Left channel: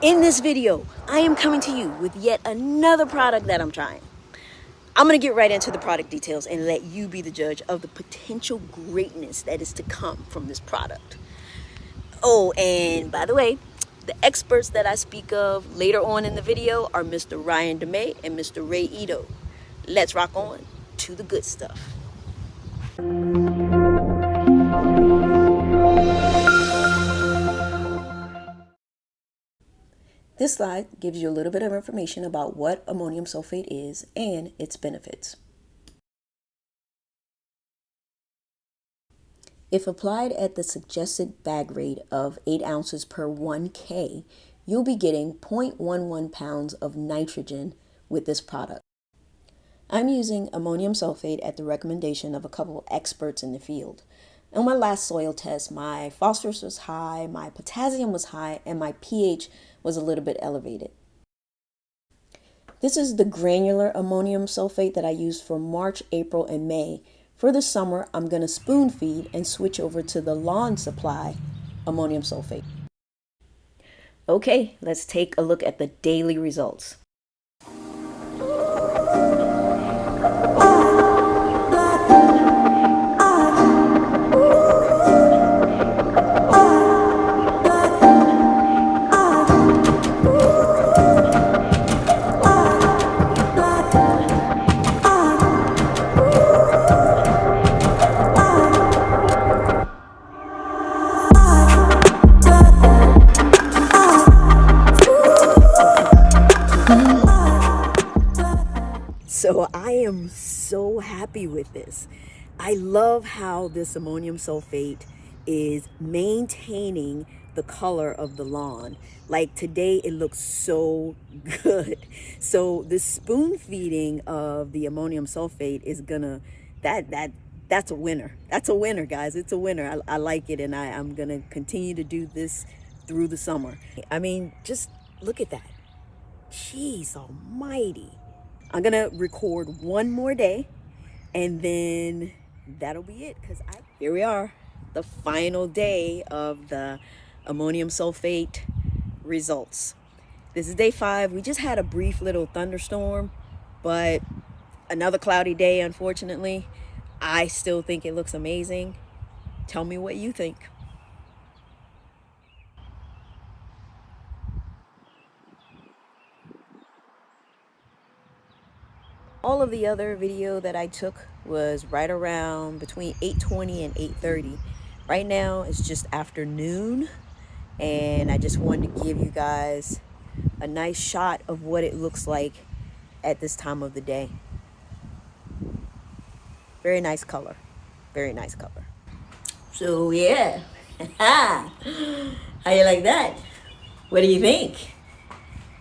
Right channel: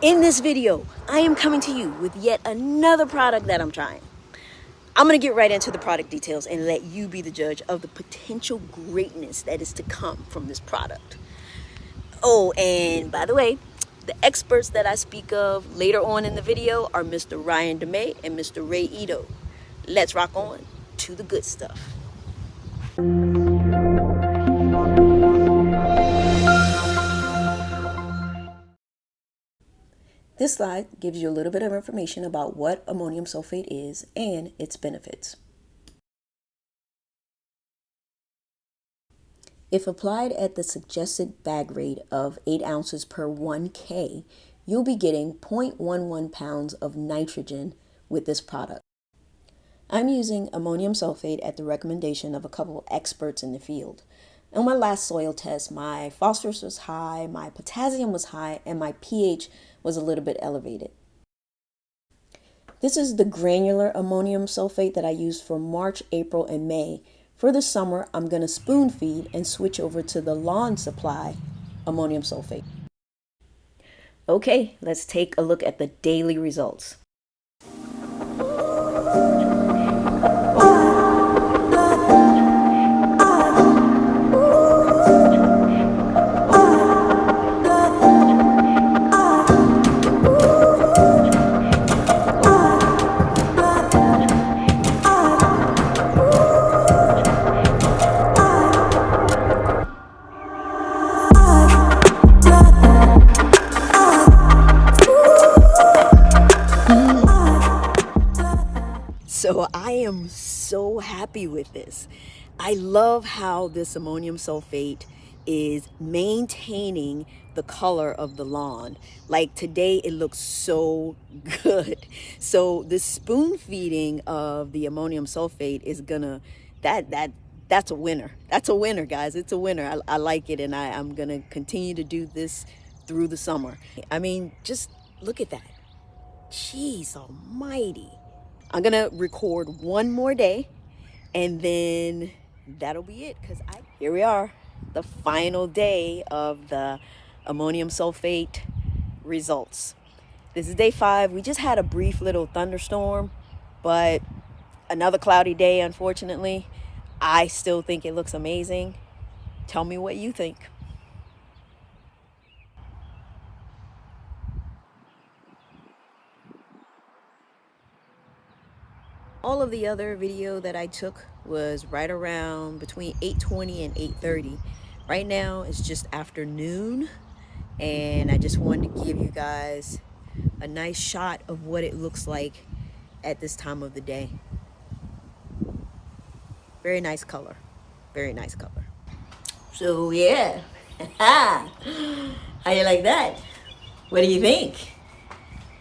In this video, I am coming to you with yet another product that I'm trying. I'm gonna get right into the product details and let you be the judge of the potential greatness that is to come from this product. Oh, and by the way, the experts that I speak of later on in the video are Mr. Ryan DeMay and Mr. Ray Ito. Let's rock on to the good stuff. This slide gives you a little bit of information about what ammonium sulfate is and its benefits. If applied at the suggested bag rate of 8 ounces per 1K, you'll be getting 0.11 pounds of nitrogen with this product. I'm using ammonium sulfate at the recommendation of a couple experts in the field. On my last soil test, my phosphorus was high, my potassium was high, and my pH was a little bit elevated. This is the granular ammonium sulfate that I used for March, April, and May. For the summer, I'm going to spoon feed and switch over to the lawn supply ammonium sulfate. Okay, let's take a look at the daily results. So I am so happy with this. I love how this ammonium sulfate is maintaining the color of the lawn. Like today, it looks so good. So the spoon feeding of the ammonium sulfate is gonna, that's a winner. That's a winner, guys. It's a winner. I like it, and I'm gonna continue to do this through the summer. I mean, just look at that. Jeez almighty. I'm gonna record one more day and then that'll be it, because here we are, the final day of the ammonium sulfate results. This is day 5. We just had a brief little thunderstorm, but another cloudy day, unfortunately. I still think it looks amazing. Tell me what you think. All of the other video that I took was right around between 8:20 and 8:30. Right now it's just afternoon, and I just wanted to give you guys a nice shot of what it looks like at this time of the day. Very nice color. Very nice color. So yeah. How you like that? What do you think?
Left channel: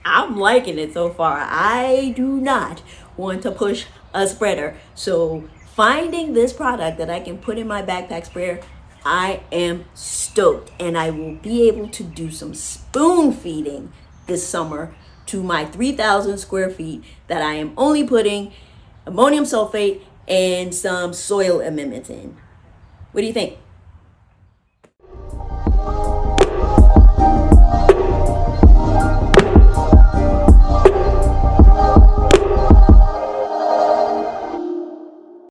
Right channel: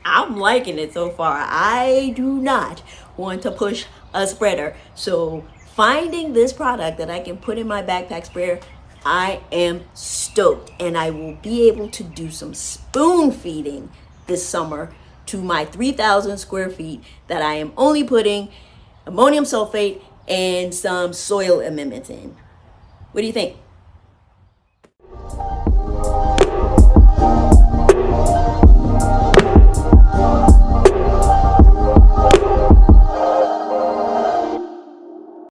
I'm liking it so far. I do not want to push a spreader. So finding this product that I can put in my backpack sprayer, I am stoked. And I will be able to do some spoon feeding this summer to my 3,000 square feet that I am only putting ammonium sulfate and some soil amendments in. What do you think?